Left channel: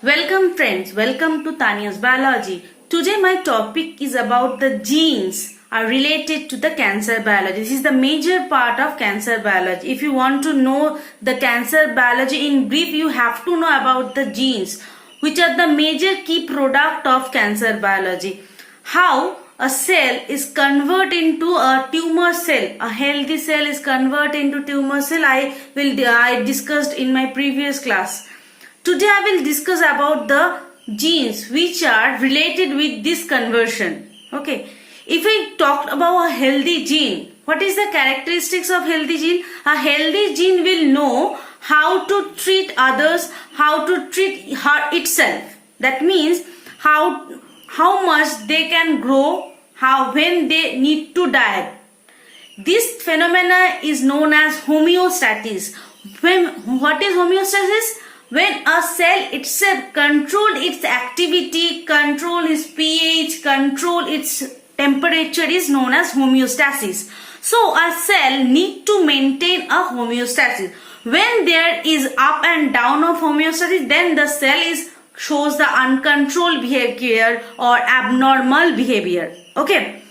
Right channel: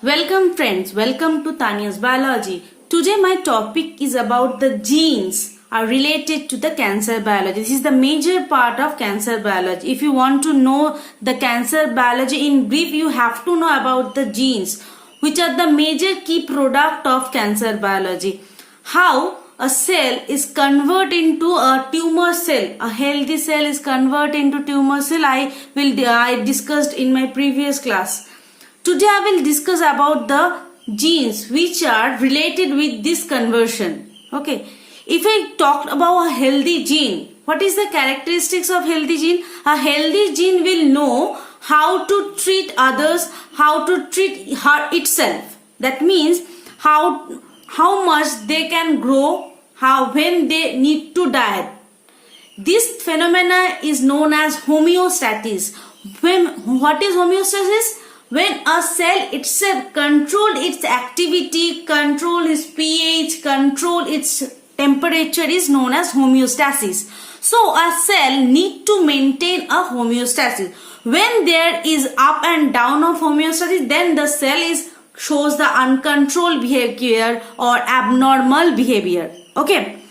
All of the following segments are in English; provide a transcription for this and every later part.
Welcome friends, welcome to Tanya's Biology. Today my topic is about the genes are related to the cancer biology. This is the major part of cancer biology. If you want to know the cancer biology in brief, you have to know about the genes, which are the major key product of cancer biology. How a cell is converted into a tumor cell. A healthy cell is converted into tumor cell. I discussed in my previous class. Today I will discuss about the genes which are related with this conversion. Okay. If I talk about a healthy gene, what is the characteristics of healthy gene? A healthy gene will know how to treat others, how to treat itself. That means how much they can grow, when they need to die. This phenomena is known as homeostasis. What is homeostasis? When a cell itself control its activity, control its pH, control its temperature is known as homeostasis. So a cell need to maintain a homeostasis. When there is up and down of homeostasis, then the cell shows the uncontrolled behavior or abnormal behavior. Okay.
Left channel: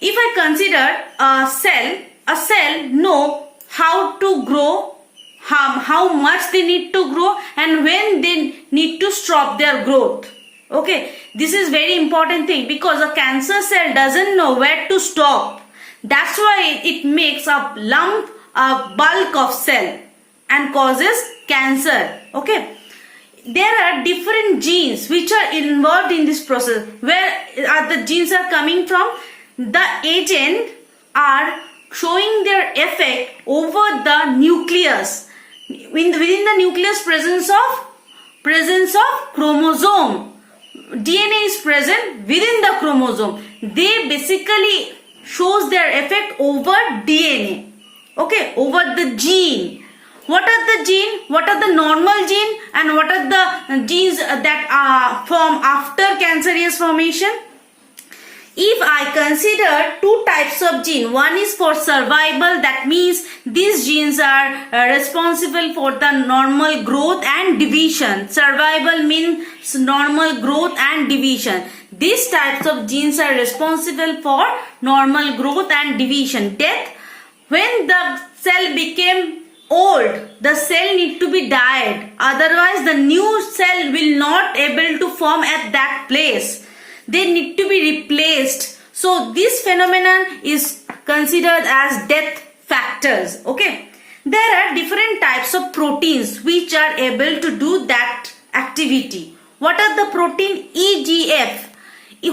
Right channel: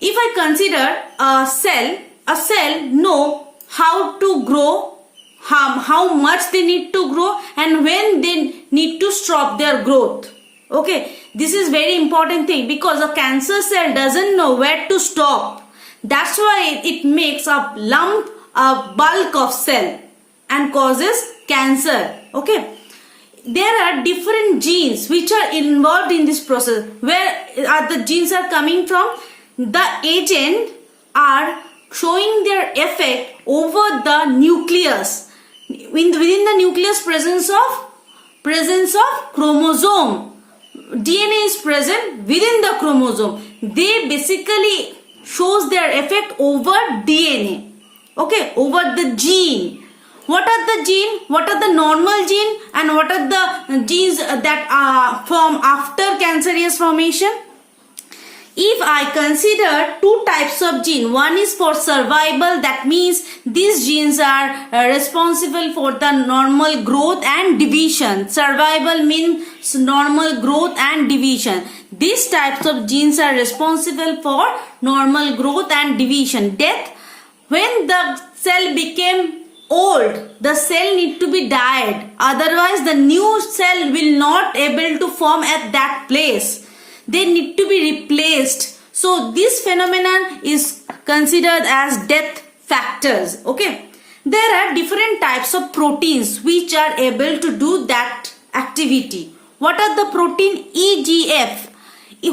If I consider a cell know how to grow, how much they need to grow, and when they need to stop their growth. Okay, this is very important thing, because a cancer cell doesn't know where to stop. That's why it makes a lump, a bulk of cell and causes cancer. Okay, there are different genes which are involved in this process. Where are the genes are coming from? The agent are showing their effect over the nucleus. Within the nucleus presence of chromosome. DNA is present within the chromosome. They basically shows their effect over DNA. Okay, over the gene. What are the gene? What are the normal gene, and what are the genes that form after cancerous formation? If I consider two types of gene, one is for survival, that means these genes are responsible for the normal growth and division. Survival means normal growth and division. These types of genes are responsible for normal growth and division. Death, when the cell became old, the cell need to be died. Otherwise, the new cell will not able to form at that place. They need to be replaced. So this phenomenon is considered as death factors. Okay. There are different types of proteins which are able to do that activity. What are the protein? EGF.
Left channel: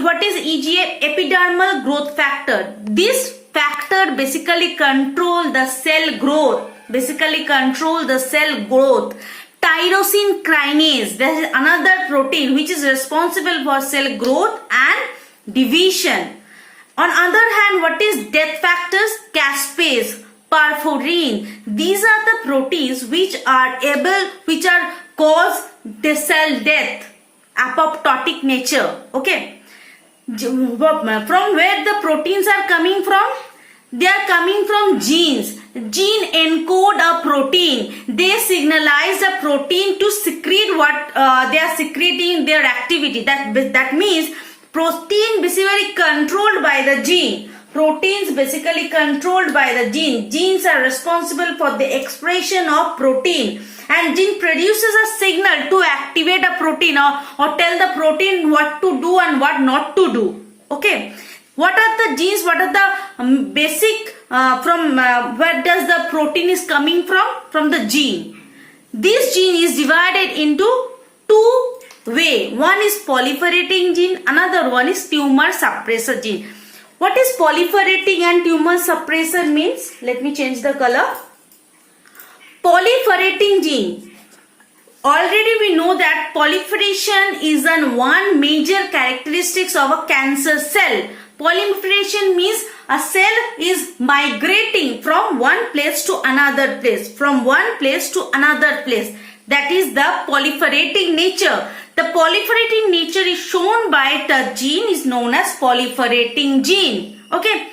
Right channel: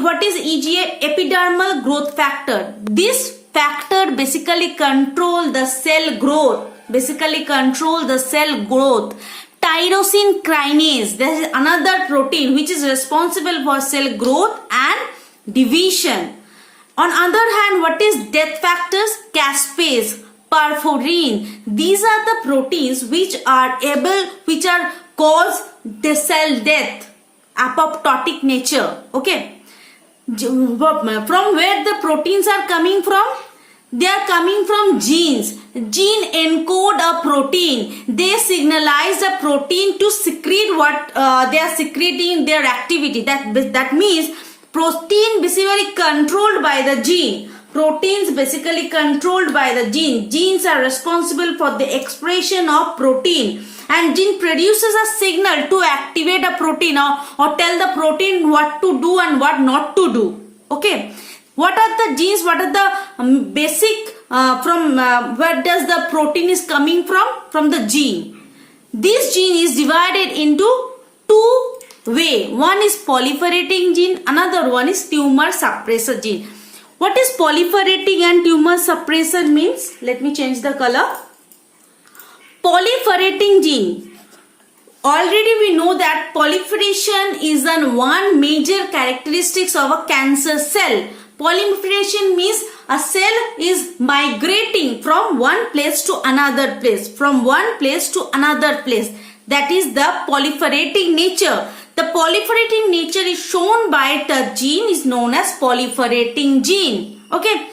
What is EGF? Epidermal growth factor. This factor basically control the cell growth. Tyrosine kinase, there is another protein which is responsible for cell growth and division. On other hand, what is death factors? Caspase, perforin. These are the proteins which cause the cell death, apoptotic nature. Okay. From where the proteins are coming from? They are coming from genes. Gene encode a protein. They signalize a protein to secrete what they are secreting their activity. That means protein basically controlled by the gene. Proteins basically controlled by the gene. Genes are responsible for the expression of protein. And gene produces a signal to activate a protein or tell the protein what to do and what not to do. Okay. What are the genes? What are the basic where does the protein is coming from? From the gene. This gene is divided into two ways. One is proliferating gene, another one is tumor suppressor gene. What is proliferating and tumor suppressor means? Let me change the color. Proliferating gene. Already we know that proliferation is one major characteristics of a cancer cell. Proliferation means a cell is migrating from one place to another place. That is the proliferating nature. The proliferating nature is shown by the gene is known as proliferating gene. Okay.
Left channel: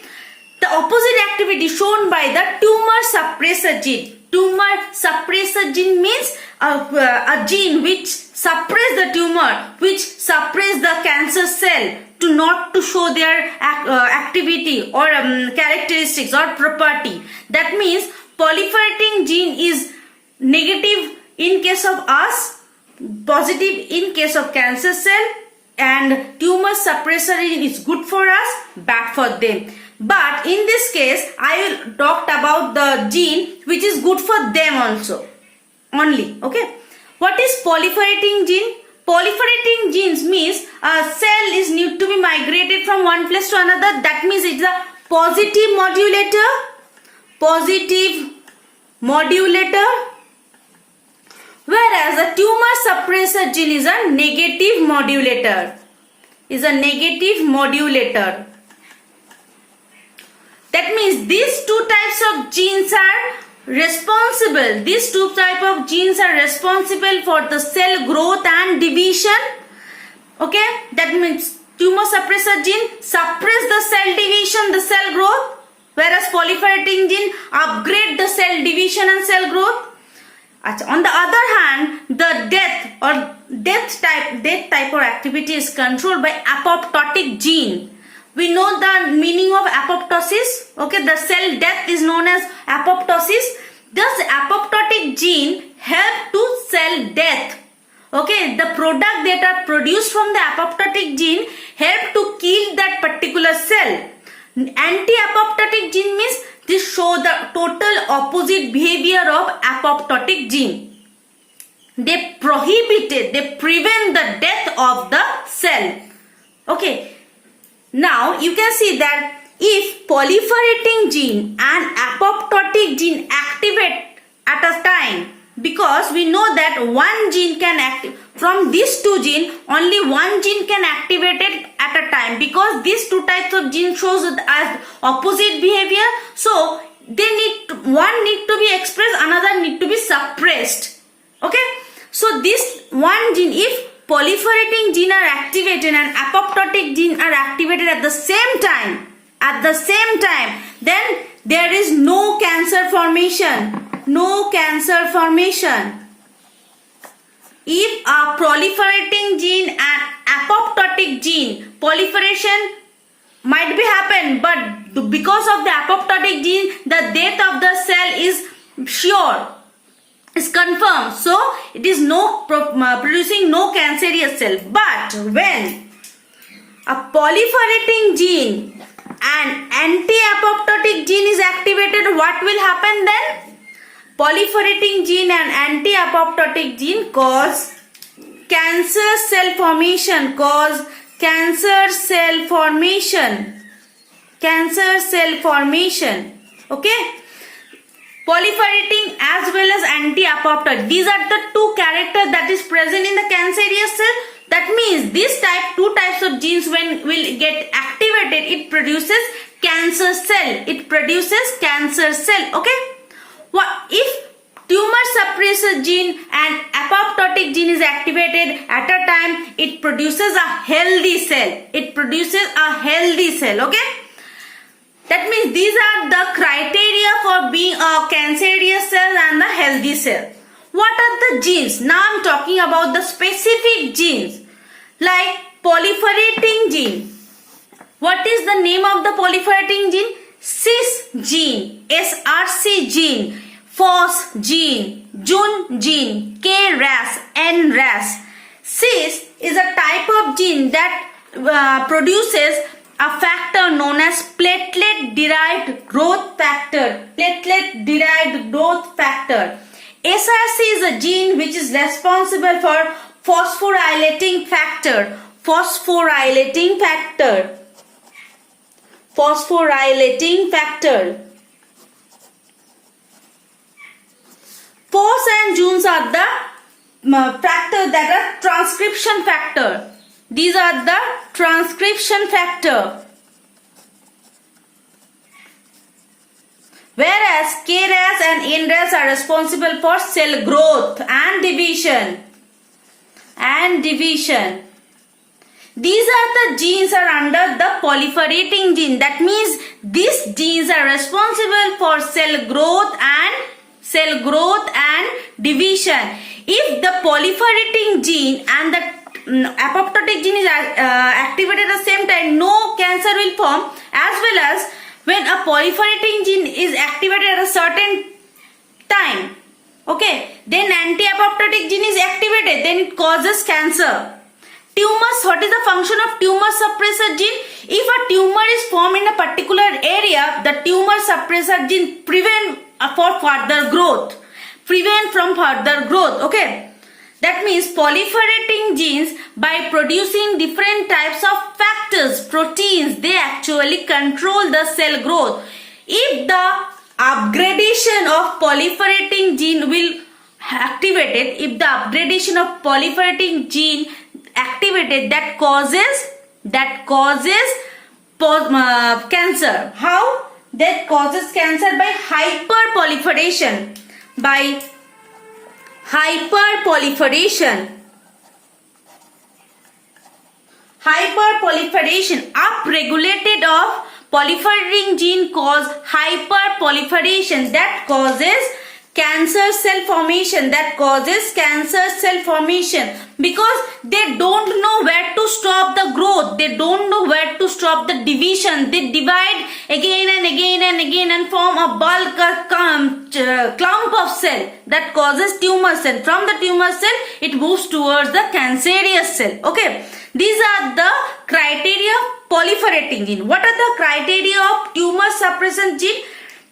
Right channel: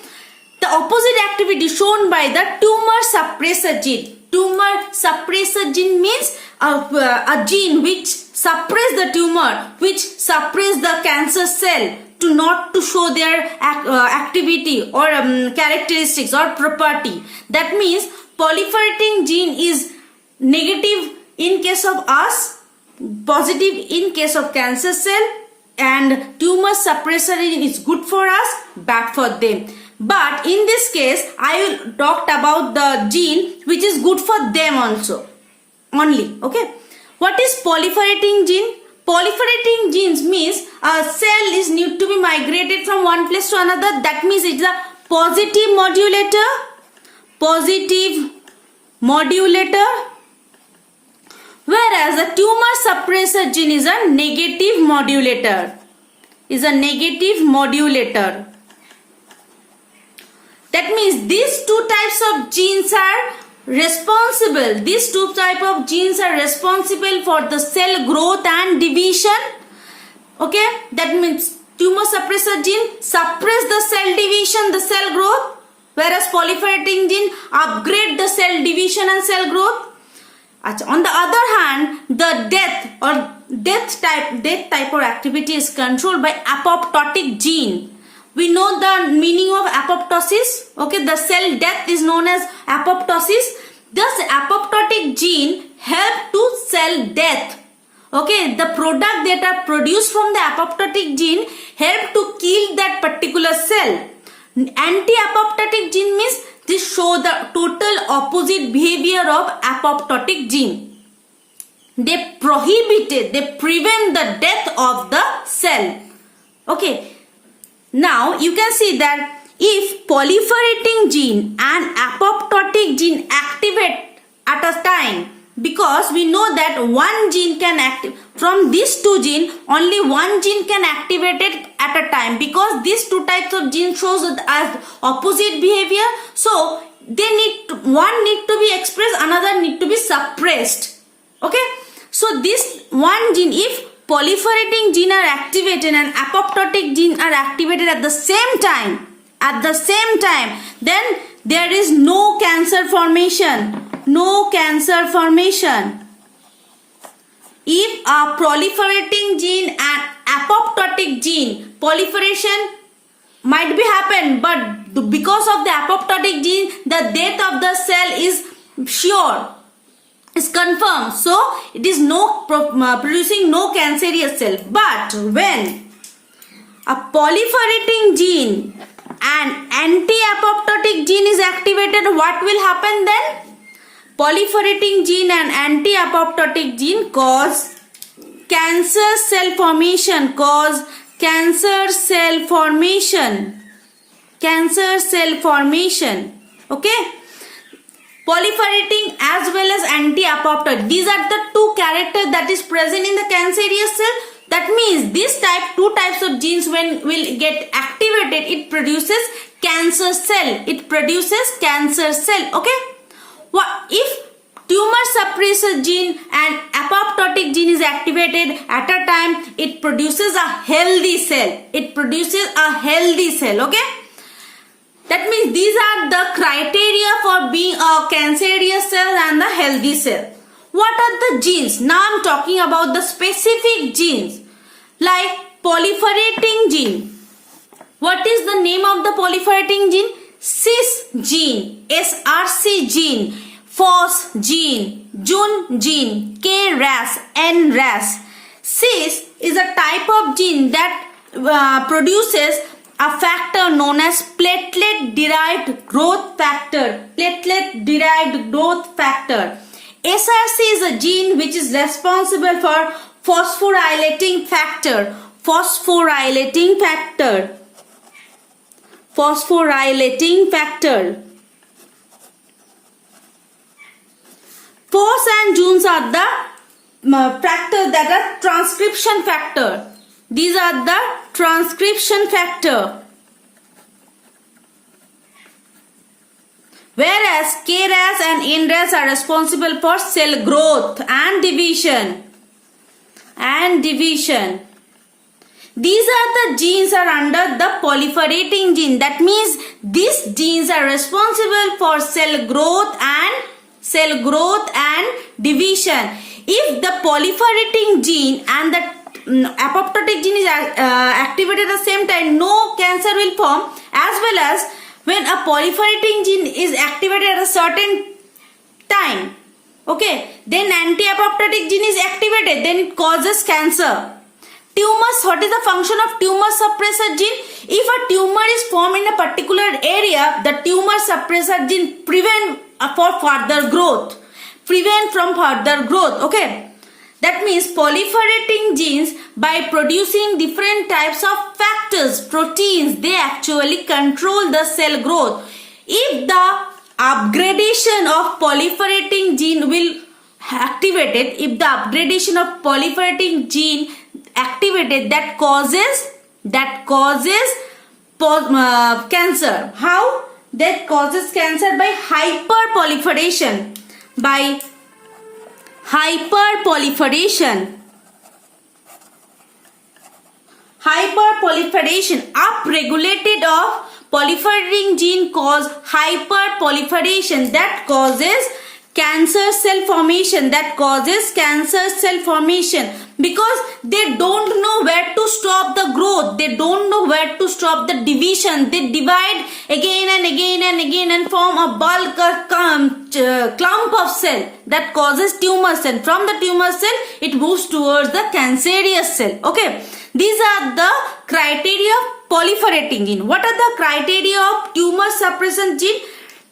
The opposite activity shown by the tumor suppressor gene. Tumor suppressor gene means a gene which suppress the tumor, which suppress the cancer cell to not to show their activity or characteristics or property. That means proliferating gene is negative in case of us, positive in case of cancer cell, and tumor suppressor is good for us, bad for them. But in this case, I talked about the gene which is good for them also only. Okay. What is proliferating gene? Proliferating genes means a cell is need to be migrated from one place to another. That means it's a positive modulator. Positive modulator. Whereas a tumor suppressor gene is a negative modulator. Is a negative modulator. That means these two types of genes are responsible. These two type of genes are responsible for the cell growth and division. Okay, that means tumor suppressor gene suppress the cell division, the cell growth, whereas proliferating gene upgrade the cell division and cell growth. On the other hand, the death type of activity is controlled by apoptotic gene. We know the meaning of apoptosis. Okay, the cell death is known as apoptosis. Thus, apoptotic gene help to cell death. Okay, the product that are produced from the apoptotic gene help to kill that particular cell. Anti-apoptotic gene means this show the total opposite behavior of apoptotic gene. They prevent the death of the cell. Okay. Now you can see that if proliferating gene and apoptotic gene activate at a time, because we know that one gene can activate from these two genes, only one gene can activate it at a time, because these two types of genes shows as opposite behavior. So one need to be expressed, another need to be suppressed. Okay, so this one gene, if proliferating gene are activated and apoptotic gene are activated at the same time, then there is no cancer formation. No cancer formation. If a proliferating gene and apoptotic gene, proliferation might be happen, but because of the apoptotic gene, the death of the cell is sure. Is confirmed, so it is producing no cancerous cell. But when a proliferating gene and anti-apoptotic gene is activated, what will happen then? Proliferating gene and anti-apoptotic gene cause cancer cell formation. Okay. Proliferating as well as anti-apoptotic. These are the two characters that is present in the cancerous cell. That means this two types of genes when will get activated, it produces cancer cell. Okay. If tumor suppressor gene and apoptotic gene is activated at a time, it produces a healthy cell. Okay. That means these are the criteria for being a cancerous cell and the healthy cell. What are the genes? Now I am talking about the specific genes like proliferating gene. What is the name of the proliferating gene? Cis gene, SRC gene, FOS gene, Jun gene, KRAS, NRAS. Cis is a type of gene that produces a factor known as platelet-derived growth factor. SRC is a gene which is responsible for phosphorylating factor. FOS and Juns are the factors that are transcription factor. These are the transcription factor. Whereas KRAS and NRAS are responsible for cell growth and division. These are the genes are under the proliferating gene. That means these genes are responsible for cell growth and division. If the proliferating gene and the apoptotic gene is activated at the same time, no cancer will form, as well as when a proliferating gene is activated at a certain time, okay, then anti-apoptotic gene is activated, then it causes cancer. Tumors, what is the function of tumor suppressor gene? If a tumor is formed in a particular area, the tumor suppressor gene prevent for further growth. Prevent from further growth, okay. That means proliferating genes, by producing different types of factors, proteins, they actually control the cell growth. If the upgradation of proliferating gene will activated, if the upgradation of proliferating gene activated, that causes cancer. How? That causes cancer by hyperproliferation. By hyperproliferation, upregulated of proliferating gene cause hyperproliferation, that causes cancer cell formation, because they don't know where to stop the growth, they don't know where to stop the division, they divide again and again and again and form a bulk clump of cell, that causes tumor cell. From the tumor cell it moves towards the cancerous cell, okay. These are the criteria of proliferating gene. What are the criteria of tumor suppressor gene?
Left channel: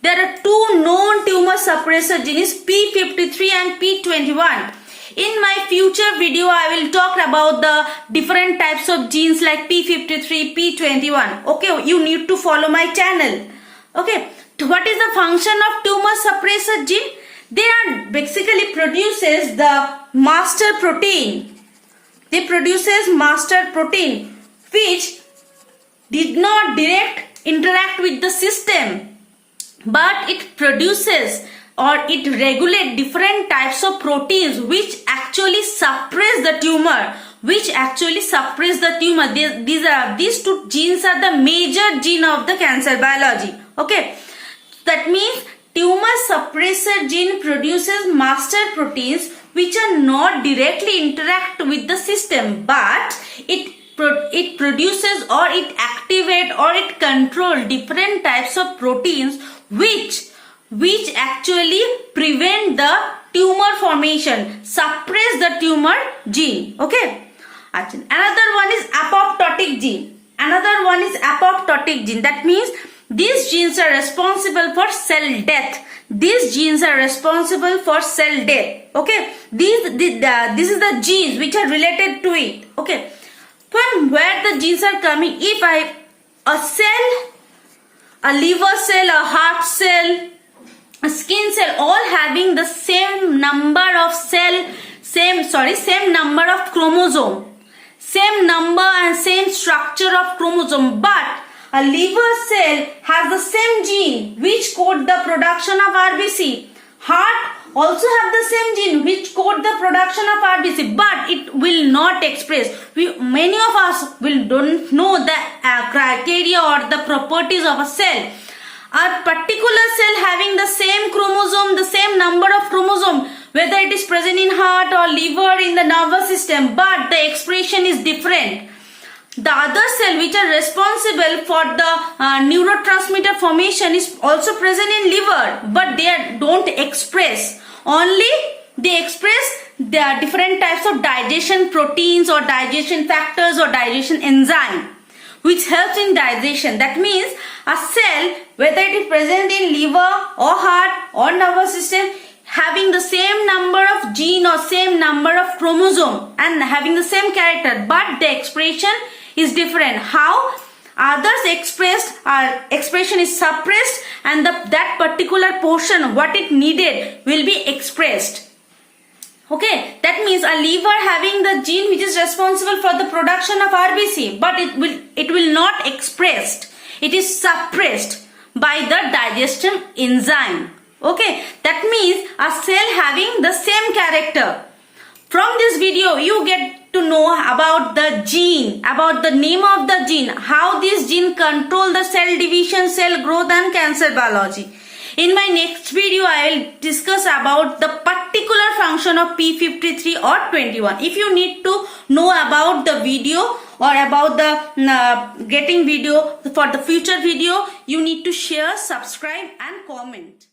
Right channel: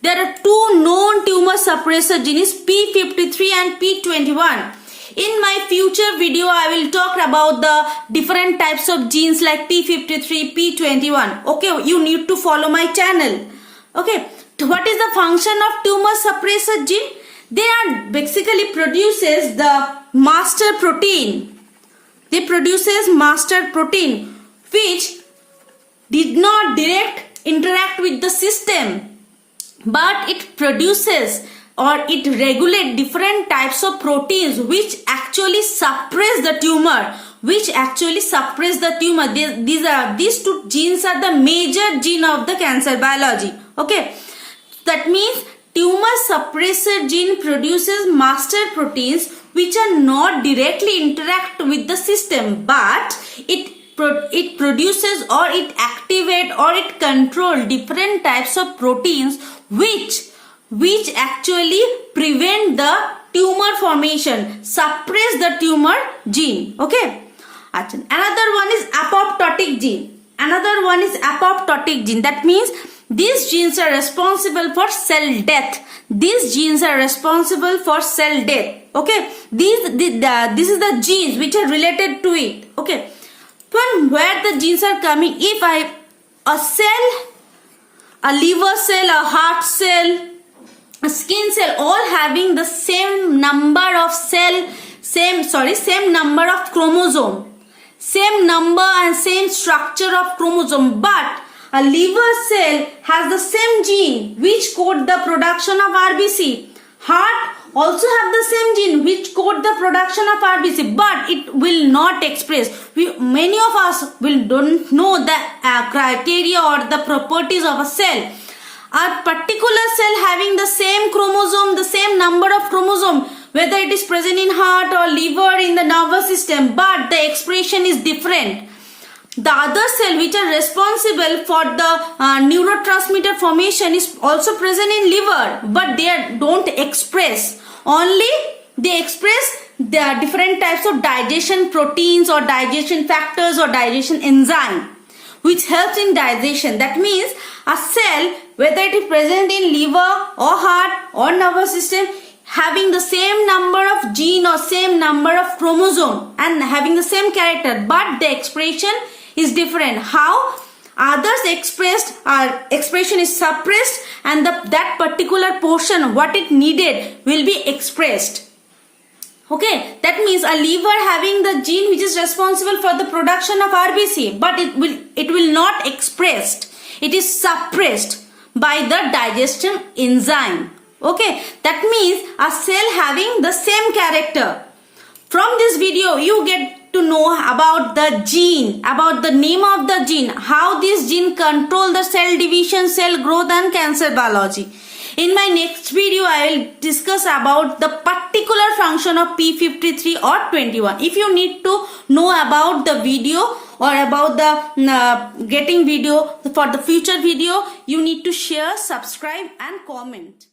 There are two known tumor suppressor genes, P53 and P21. In my future video, I will talk about the different types of genes like P53, P21. Okay, you need to follow my channel. Okay, what is the function of tumor suppressor gene? They are basically produces the master protein. They produces master protein which did not direct interact with the system, but it produces or it regulates different types of proteins which actually suppress the tumor. These two genes are the major gene of the cancer biology. Okay, that means tumor suppressor gene produces master proteins which are not directly interact with the system, but it produces or it activate or it control different types of proteins which actually prevent the tumor formation, suppress the tumor gene. Okay. Another one is apoptotic gene. That means these genes are responsible for cell death. Okay. This is the genes which are related to it. Okay. Where the genes are coming, if a cell, a liver cell, a heart cell, a skin cell, all having the same number of same number of chromosome, same number and same structure of chromosome, but a liver cell has the same gene which code the production of RBC. Heart also have the same gene which code the production of RBC, but it will not express. Many of us don't know the criteria or the properties of a cell. A particular cell having the same chromosome, the same number of chromosome, whether it is present in heart or liver, in the nervous system, but the expression is different. The other cell which are responsible for the neurotransmitter formation is also present in liver, but they don't express. Only they express the different types of digestion proteins or digestion factors or digestion enzyme which helps in digestion. That means a cell, whether it is present in liver or heart or nervous system, having the same number of gene or same number of chromosome and having the same character, but the expression is different. How? Others expression is suppressed and that particular portion what it needed will be expressed. Okay, that means a liver having the gene which is responsible for the production of RBC, but it will not expressed. It is suppressed by the digestion enzyme. Okay, that means a cell having the same character. From this video, you get to know about the gene, about the name of the gene, how this gene control the cell division, cell growth and cancer biology. In my next video, I will discuss about the particular function of P53 or 21. If you need to know about the video or about the getting video for the future video, you need to share, subscribe and comment.